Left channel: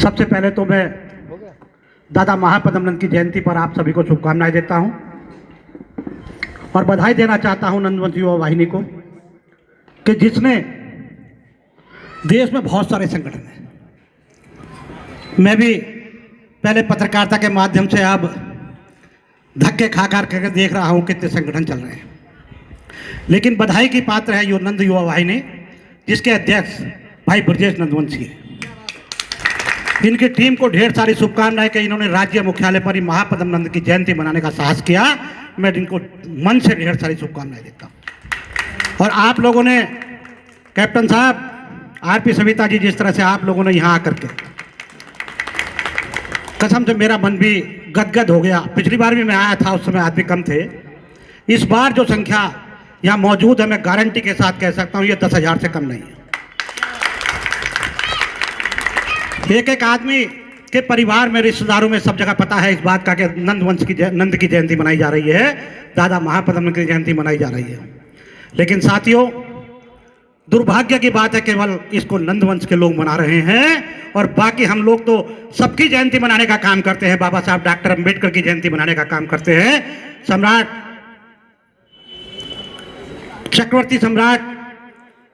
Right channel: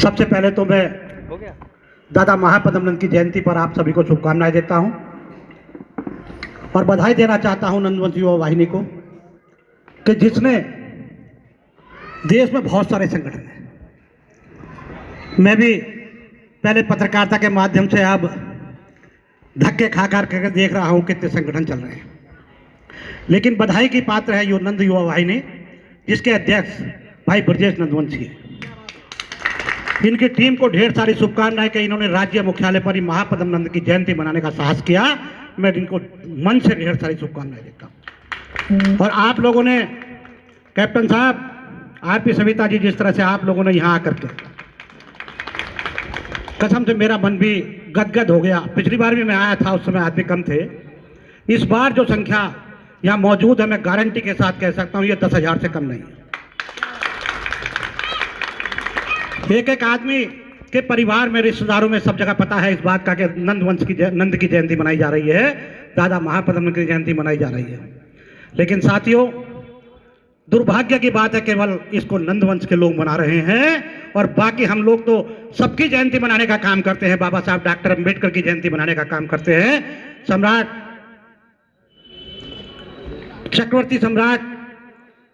सबसे पहले तो मैं दादा महापदम नंद की जयंती पर आप सभी को शुभकामनाएं देता हूं और बधाई देना चाहता हूं नंदवंश युवा वाहिनी को कि जिसने देश में बहुत सारे संगठन हैं। मैं भी पहले पत्रकारिता के माध्यम से अब धक्के खा कर देख रहा हूं कितने संगठन चल रहे हैं, लेकिन बधाई की पात्र है नंद युवा वाहिनी जिसके अध्यक्ष भाई ब्रजेश नंदवंशी है। इनकी टीम को ढेर सारी शुभकामनाएं कि इन्होंने राज्य मुख्यालय पर ही महापदम नंद की जयंती मनाने का साहस किया। मैं इनको मन से ढेर सारी शुभकामनाएं देता हूं। और आप लोगों ने कैप्टन साहब, आरपी सविता जी, जिस तरह से आप लोगों ने यहाँ आकर के, कसम से मेरा मन भी गदगद हो गया। पिछली बार भी मैं आया था, उस समय आदमी कम थे। इस बार जो संख्या यहाँ मौजूद है, मैं गारंटी के साथ कह सकता हूँ ये 10,000 से कम नहीं है। एक एक आदमी के परिवार में, रिश्तेदारों में, सब जगह पता है इस बात का कि नंद की जयंती मनाई जा रही है, दादा महापदम नंद की जयंती मनाई जा रही है। लेकिन साथियों, दुर्भाग्य की बात है केवल इसको नंदवंश के लोग मना रहे हैं और बाकी हम लोग तो सबकी जयंती मनाने का काम करते हैं। बाबा साहब डॉक्टर अंबेडकर की जयंती मनाने का काम करते हैं। सम्राट, चक्रवर्ती सम्राट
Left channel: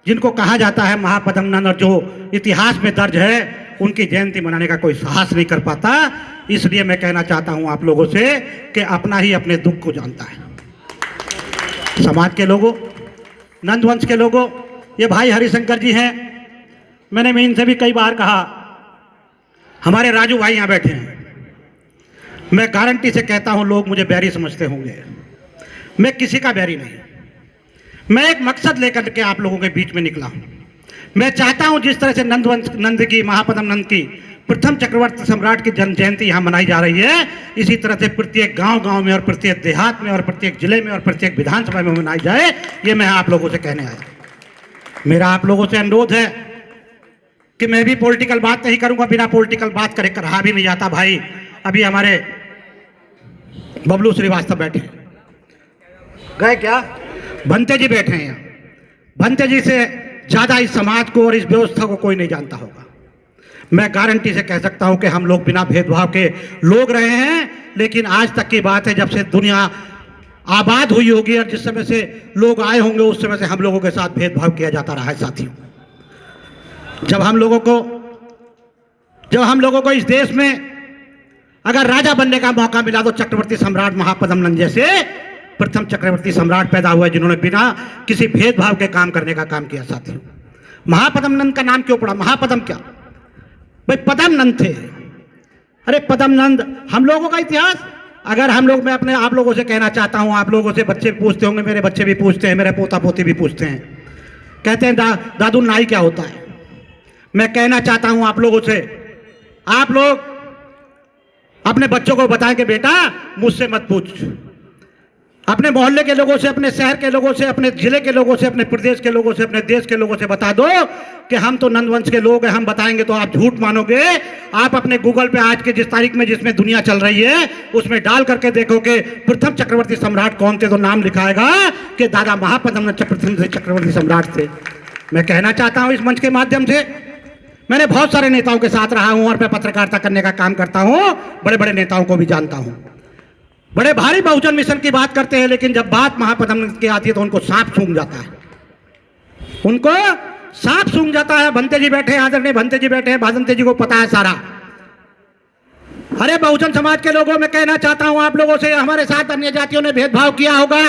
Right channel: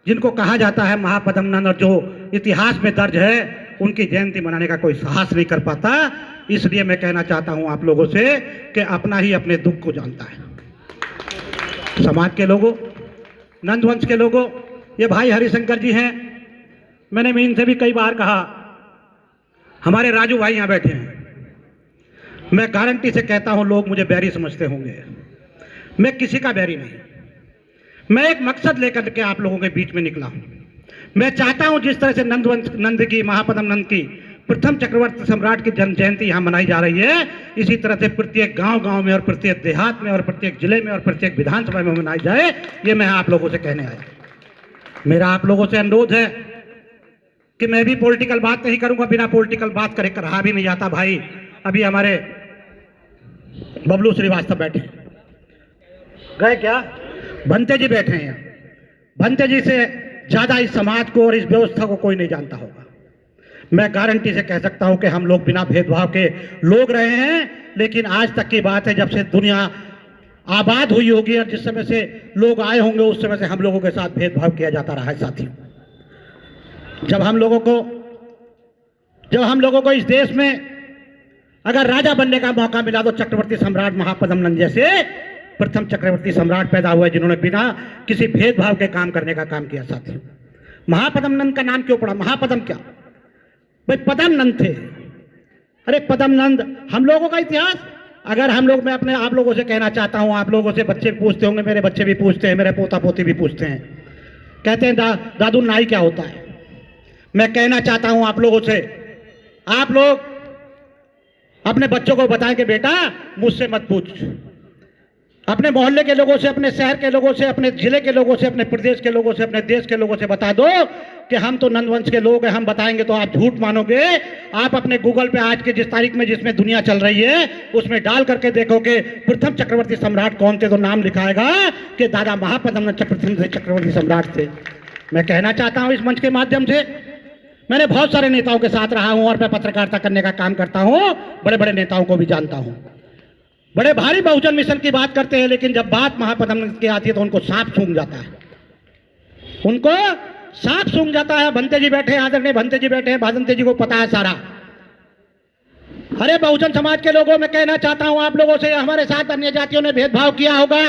जिनको कहा जाता है महापदम नंद, और जो इतिहास में दर्ज है, उनकी जयंती मनाने का कोई साहस नहीं कर पाता। इसलिए मैं कहना चाहता हूं आप लोगों से कि अपना ही अपने दुख को जानता है। समाज के लोगों, नंदवंश के लोगों, ये भाई हरिशंकर जी हैं। मैंने इनसे भी कई बार कहा, हमारे राजू भाई यहाँ बैठे हैं। मैं गारंटी से कहता हूं लोग मुझे बैरी समझते होंगे, मैं किसी का बैरी नहीं। मैं एक मकसद लेकर के आप लोगों के बीच में निकला हूं। मैं चाहता हूं जिस तरह से नंद की, महापदम नंद की, प्रथम चक्रवर्ती सम्राट की जन्म जयंती यहाँ मनाई जा रही है, इसी तरह से प्रत्येक गांव में और प्रत्येक देहात में और प्रत्येक जिले में और प्रत्येक विधानसभा में मनाई जाए। ये मैं आप लोगों से कहने आया। मेरा आप लोगों से अनुरोध है कि मैं भी पॉलिटिकल बात नहीं करूंगा, बिना पॉलिटिकल बात करे रहा भी नहीं जाता। भाई अभी हमारे बबलू श्रीवास्तव बैठे गए, क्या भंते जी बैठे हैं। भंते जी से ज्यादा इस समाज को और इस व्यवस्था को कोई नहीं जानता होगा। मैं गारंटी से कह सकता हूं कि हम लोग बिना भेदभाव के लोग रहे हैं, लेकिन आज तक की बात है जब से दुनिया आबाद हुई होगी और जिस समय से लोग आए होंगे उस समय से हम लोगों के साथ भेदभाव किया जाता रहा है। साथियों, जब हम लोगों को इस देश में अगर राजा बनने का मौका मिला तो चक्रवर्ती सम्राट महापदम नंद जैसे प्रथम चक्रवर्ती सम्राट पैदा हुए जिन्होंने बिना किसी भेदभाव के काम करने का काम किया। साथियों, महापदम नंद का नाम क्यों पड़ा? महापदम क्या भाई, पदम नंद थे। अरे पदम नंद हम लोगों का इतिहास, अगर हम लोग, मैं अपने आप लोगों से कहना चाहता हूं, आप लोगों से बच्चे पूछते होंगे, मेरे बच्चे भी पूछते हैं, मेरे पोता पोती भी पूछते हैं, कहते हैं दादू नाई क्या होता है? मैं कहना चाहता हूं आप लोगों से, आप लोग अपने बच्चों को बताएं कि बेटा मुझसे मत पूछ, अपने मोहल्ले के लोगों से, अपने शहर के लोगों से, अपने जिले के लोगों से, अपने प्रदेश के लोगों से, अपने देश के लोगों से बता दो कि हम तो नंदवंश के लोग हैं। हम बताएंगे तो आप झूठ मानोगे। आप अपने गूगल पे आज के जिस तारीख में जिसमें दुनिया चल रही है उसमें डाल करके देखो कि प्रथम चक्रवर्ती सम्राट कौन थे, तो नाम लिखाएगा कि दादा महापदम चक्रवर्ती सम्राट थे। मैं कहना चाहता हूं इस मंच के माध्यम से, मैंने बहुत सारे नेताओं के साथ रहा हूं और मैं पत्रकारिता करने का काम करता हूं, बड़े बड़े नेताओं को भी जानता हूं। बड़े भारी बहुजन मिशन की बात करते हैं, लेकिन जब बात महापदम की आती है तो उनको सांप सूंघ जाता है, उनको सांप सूंघ जाता है। भंते जी बैठे हैं, आदरणीय भंते जी बैठे हैं, भंते जी को पता है सारा। अरे बहुजन समाज के लोगों, मैं कहना चाहता हूं आप लोगों से, हमारे साथ अन्य जातियों ने भेदभाव किया होगा,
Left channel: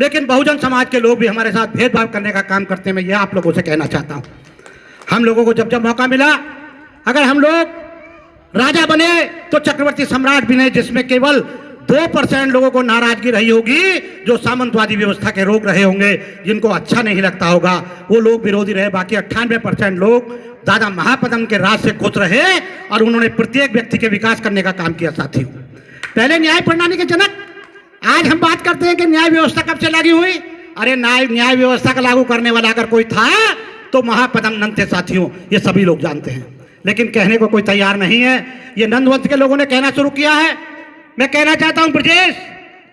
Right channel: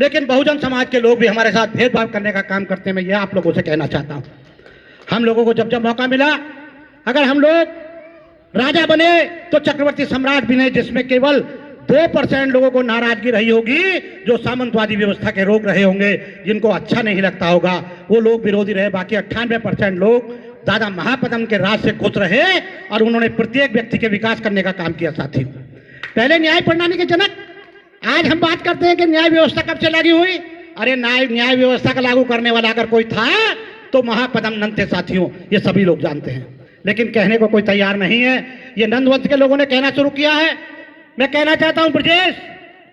लेकिन बहुजन समाज के लोग भी हमारे साथ भेदभाव करने का काम करते हैं। मैं यह आप लोगों से कहना चाहता हूं, हम लोगों को जब जब मौका मिला, अगर हम लोग राजा बने तो चक्रवर्ती सम्राट बने, जिसमें केवल 2% लोगों को नाराजगी रही होगी, जो सामंतवादी व्यवस्था के रोग रहे होंगे, जिनको अच्छा नहीं लगता होगा, वो लोग विरोधी रहे। बाकी 98% लोग दादा महापदम के राज से खुश रहे और उन्होंने प्रत्येक व्यक्ति के विकास करने का काम किया। साथियों, पहले न्याय प्रणाली के जनक, आज हम बात करते हैं कि न्याय व्यवस्था कब से लागू हुई। अरे न्याय व्यवस्था का लागू करने वाला अगर कोई था तो महापदम नंद थे। साथियों, ये सभी लोग जानते हैं, लेकिन कहने को कोई तैयार नहीं है। ये नंदवंश के लोगों ने कहना शुरू किया है। मैं कहना चाहता हूं ब्रजेश,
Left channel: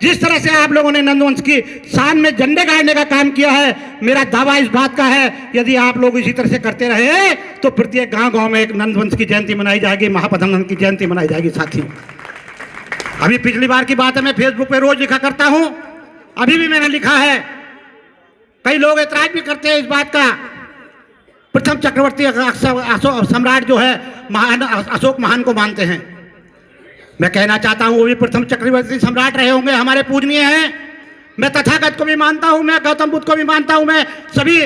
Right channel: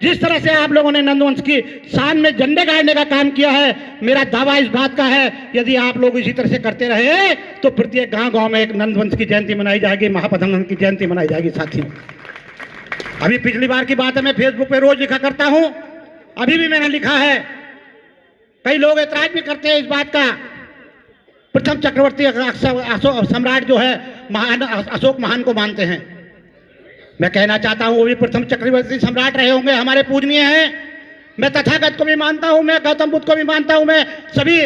जिस तरह से आप लोगों ने नंदवंश की शान में झंडे गाड़ने का काम किया है, मेरा दावा इस बात का है, यदि आप लोग इसी तरह से करते रहे तो प्रत्येक गांव-गांव में एक नंदवंश की जयंती मनाई जाएगी, महापदम नंद की जयंती मनाई जाएगी। साथियों, अभी पिछली बार की बात है, मैं फेसबुक पे रोज लिखा करता हूं, अभी भी मैंने लिखा है, कई लोग ऐतराज भी करते हैं इस बात का। प्रथम चक्रवर्ती सम्राट जो है महान अशोक महान को मानते हैं। मैं कहना चाहता हूं वो भी प्रथम चक्रवर्ती सम्राट रहे होंगे, हमारे पूजनीय हैं। मैं तथागत को भी मानता हूं, मैं गौतम बुद्ध को भी मानता हूं, मैं सभी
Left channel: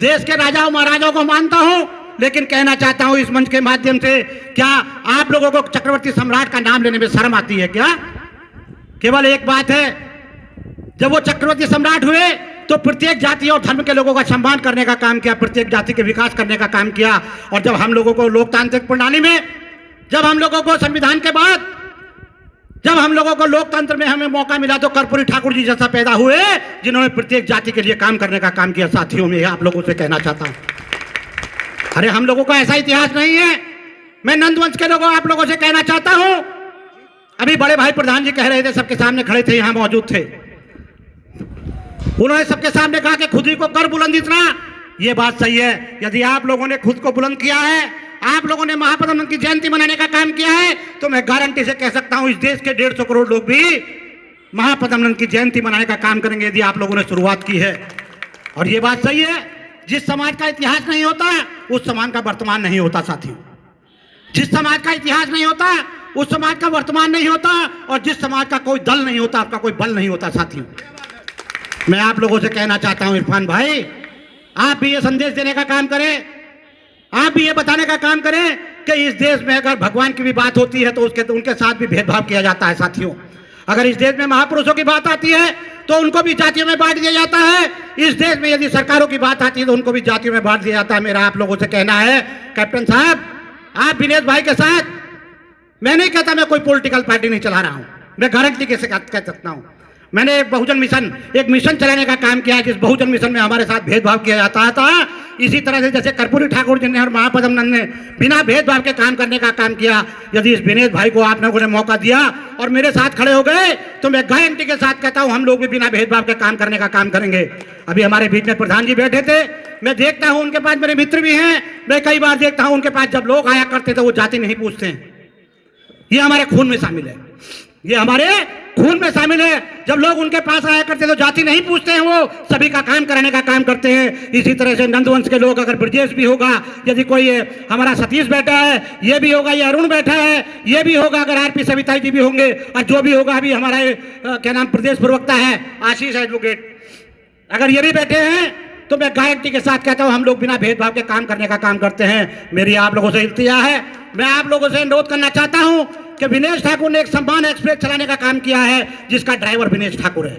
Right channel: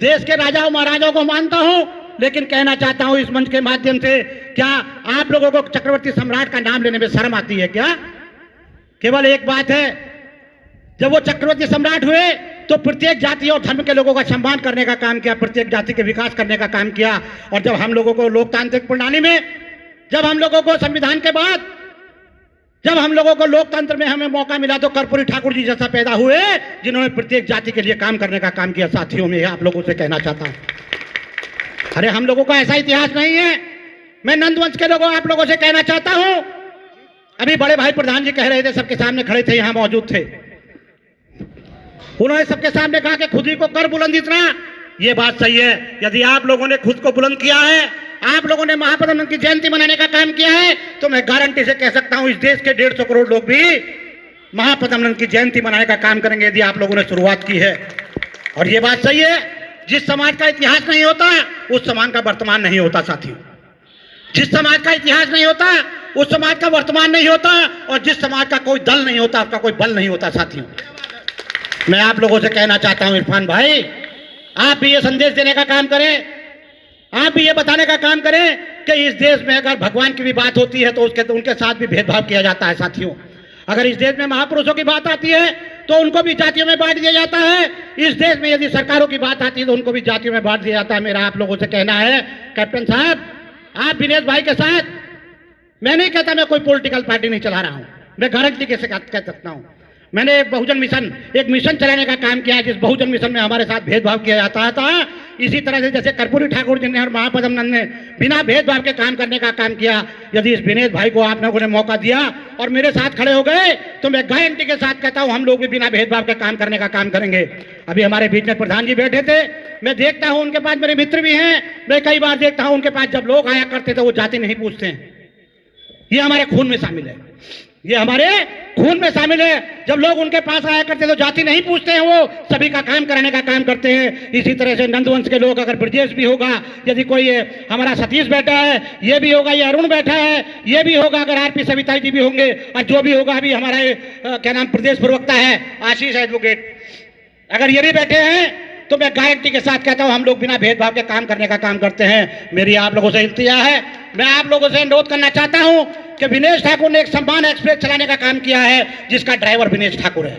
देश के राजाओं महाराजाओं को मानता हूं। लेकिन कहना चाहता हूं इस मंच के माध्यम से, क्या आप लोगों को चक्रवर्ती सम्राट का नाम लेने में शर्म आती है क्या? केवल एक बात है, जब वो चक्रवर्ती सम्राट हुए तो प्रत्येक जाति और धर्म के लोगों का सम्मान करने का काम किया, प्रत्येक जाति के विकास करने का काम किया। और जब हम लोगों को लोकतांत्रिक प्रणाली में, जब हम लोगों को संविधान के बाद, जब हम लोगों को लोकतंत्र में हमें मौका मिला तो कर्पूरी ठाकुर जी जैसा पैदा हुए, जिन्होंने प्रत्येक जाति के लिए काम करने का काम किया। साथियों, में आप लोगों से कहना चाहता हूं, अरे हम लोगों का ऐसा इतिहास नहीं है। मैं नंदवंश के लोगों, आप लोगों से कहना चाहता हूं, अभी बड़े भाई प्रधान जी कह रहे थे, सबके सामने खड़े थे, यहां मौजूद थे, उन्होंने सबके सामने कहा कि खुद ही को कर बुलंद इतना। ये बात सही है, यदि आप लोगों ने खुद को बुलंद किया है, आप लोगों ने महापदम नंद की जयंती मनाने का काम किया है, तो मैं गारंटी से कह सकता हूं इस देश के 150 करोड़ लोग भी महापदम नंद की जयंती मनाने का काम करेंगे, यदि आप लोगों ने शुरुआत की है। और ये बात सही है, जिस समाज का इतिहास नहीं होता उस समाज का वर्तमान नहीं होता। साथियों, जिस समाज का इतिहास नहीं होता उस समाज का वर्तमान नहीं होता, और जिस समाज का कोई दल नहीं होता उसका कोई बल नहीं होता। साथियों, मैं आप लोगों से कहना चाहता हूं, इरफान भाई, आप भी ये संदेश देने का काम करें, आप भी ये बताने का काम करें कि इस देश में अगर भगवान की भी बात होती है तो उनके साथ भी भेदभाव किया जाता है। साथियों, अगर इस देश में महापुरुषों की बात आती है तो उनको भी जातियों में बांट दिया जाता है। इस देश में यदि सरकारों की बात आती है तो उनको भी जातियों में बांट दिया जाता है। मेरा आप लोगों से कहना है, कैप्टन साहब, आप विनेश भाई के साथ, मैं नहीं कहता मैं कोई पॉलिटिकल पार्टी नहीं चला रहा हूं, मैं गारंटी कैसे कह सकता हूं, मैंने एक बहुजन मिशन, एक मिशन चलाने का काम किया है, जिस बहुजन मिशन में हमारे साथ भेदभाव किया जाता था। इसी तरह से जैसे कर्पूरी ठाकुर जी ने और महापदम नंद ने बिना भेदभाव के काम करने का काम किया, यदि इस विनेश भाई को आप लोगों ने मौका दिया और मेरे साथ खड़े हो गए तो मैं गारंटी के साथ कहता हूं हम लोग भी बिना भेदभाव के काम करने का काम करेंगे। अभी हमारे बीच में प्रधान जी बैठे थे, मैं देखता हूं उनके पास मेरे मित्र भी हैं, मैं कई बार देखता हूं उनके पास जब लोग आया करते थे वो जाति नहीं पूछते हैं। ये हमारे खून में शामिल है, ये हमारे खून में शामिल है। जब लोग उनके पास आया करते तो जाति नहीं पूछते हैं, वो सभी का काम कराने का काम करते हैं। इसी तरह से नंदवंश के लोग, अगर ब्रजेश भी होगा, यदि कोई हमारा सतीश बैठा है, ये भी होगा, ये अरुण बैठा है, ये भी होगा, अगर आरपी सविता जी भी होंगे, और जो भी होगा, अभी हमारे क्या नाम प्रदेश प्रवक्ता है आशीष एडवोकेट, अगर ये भी बैठे हैं तो मैं गारंटी के साथ कहता हूं हम लोग बिना भेदभाव के काम करने का काम करते हैं। मेरी आप लोगों से इल्तिजा है, मैं आप लोगों से अनुरोध करना चाहता हूं कि विनेश ठाकुर ने एक सम्मान एक्सप्रेस चलाने का काम किया है, जिसका ड्राइवर विनेश ठाकुर है,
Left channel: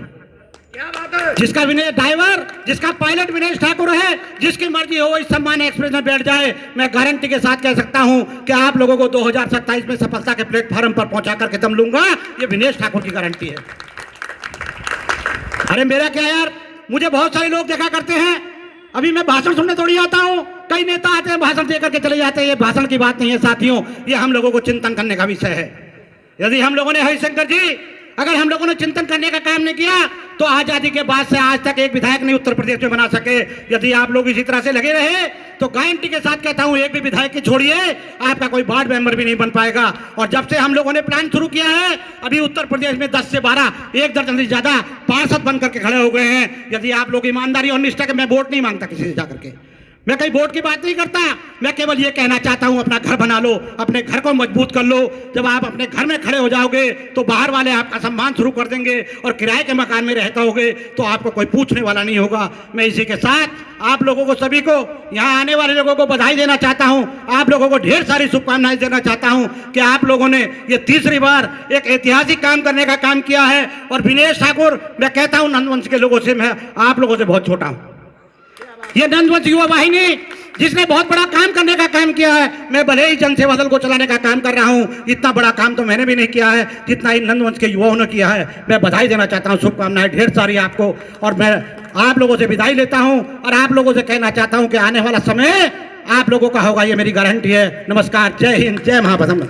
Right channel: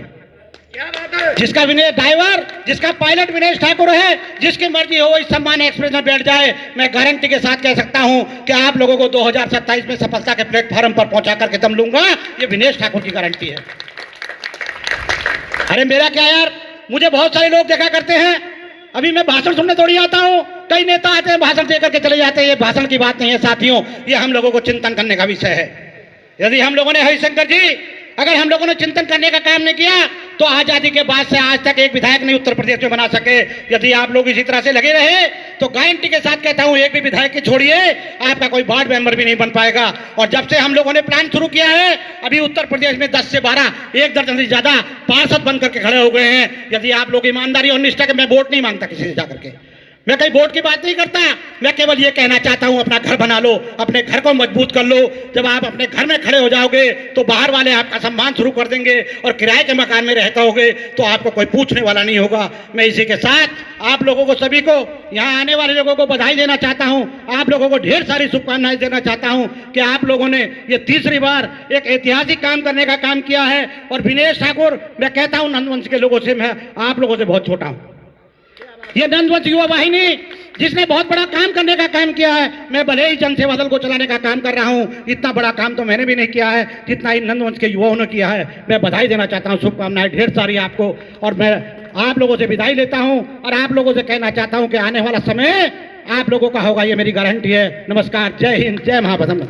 जिसका विनेश ड्राइवर, जिसका पायलट विनेश ठाकुर है, जिसकी मर्जी हो इस सम्मान एक्सप्रेस में बैठ जाए। मैं गारंटी के साथ कह सकता हूं कि आप लोगों को 2027 में सफलता के प्लेटफॉर्म पर पहुंचा करके दम लूंगा, ये विनेश ठाकुर की गारंटी है। अरे मेरा क्या यार, मुझे बहुत सारे लोग देखा करते हैं, अभी मैं भाषण सुनने थोड़ी आता हूं, कई नेता आते हैं भाषण देकर के चले जाते हैं। ये भाषण की बात नहीं है साथियों, ये हम लोगों को चिंतन करने का विषय है। यदि हम लोगों ने, हरिशंकर जी, अगर हम लोगों ने चिंतन करने का काम नहीं किया तो आजादी के बाद से आज तक एक विधायक नहीं उत्तर प्रदेश में बना सके। यदि आप लोग इसी तरह से लगे रहे तो गारंटी के साथ कहता हूं एक भी विधायक की छोड़िए, आपका कोई वार्ड मेंबर भी नहीं बन पाएगा। और जब से हम लोगों ने प्लान शुरू किया है, अभी उत्तर प्रदेश में 10 से 12, 1 दर्जन से ज्यादा पार्षद बन करके खड़े हो गए हैं। यदि आप लोग ईमानदारी और निष्ठा के, मैं वोट नहीं मांगता किसी से जाकर के, मैं कहीं वोट की बात नहीं करता, मैं केवल ये कहना चाहता हूं अपना घर बना लो, अपने घर को मजबूत कर लो। जब आप अपने घर में खड़े हो जाओगे तो बाहर वाले आपका सम्मान शुरू कर देंगे, और किराए के मकान में रहते होगे तो आपको कोई पूछने वाला नहीं होगा। मैं इसी के साथ आप लोगों को, सभी को, यहाँ आने वाले लोगों को बधाई देना चाहता हूं, आप लोगों को ढेर सारी शुभकामनाएं देना चाहता हूं कि आप लोगों ने ये तीसरी बार एक ऐतिहासिक काम करने का काम किया है। और विनेश ठाकुर, मैं कहता हूं नंदवंश के लोगों से, मैं आप लोगों से बहुत छोटा हूं। ये नंदवंश युवा वाहिनी जिसने बहुत बड़ा काम करने का काम किया है, मैं भले ही जनसेवा दल को चलाने का काम कर रहा हूं, इतना बड़ा काम तो मैंने भी नहीं किया है जितना इन नंदवंश के युवाओं ने किया है। मैं बधाई देना चाहता हूं, शुभकामनाएं ढेर सारी आपको। और मैं आप लोगों से विदाई लेता हूं और आप लोगों से कहना चाहता हूं कि आने वाला समय आप लोगों का होगा, ये मेरी गारंटी है। नमस्कार, जय हिंद, जय महापदम।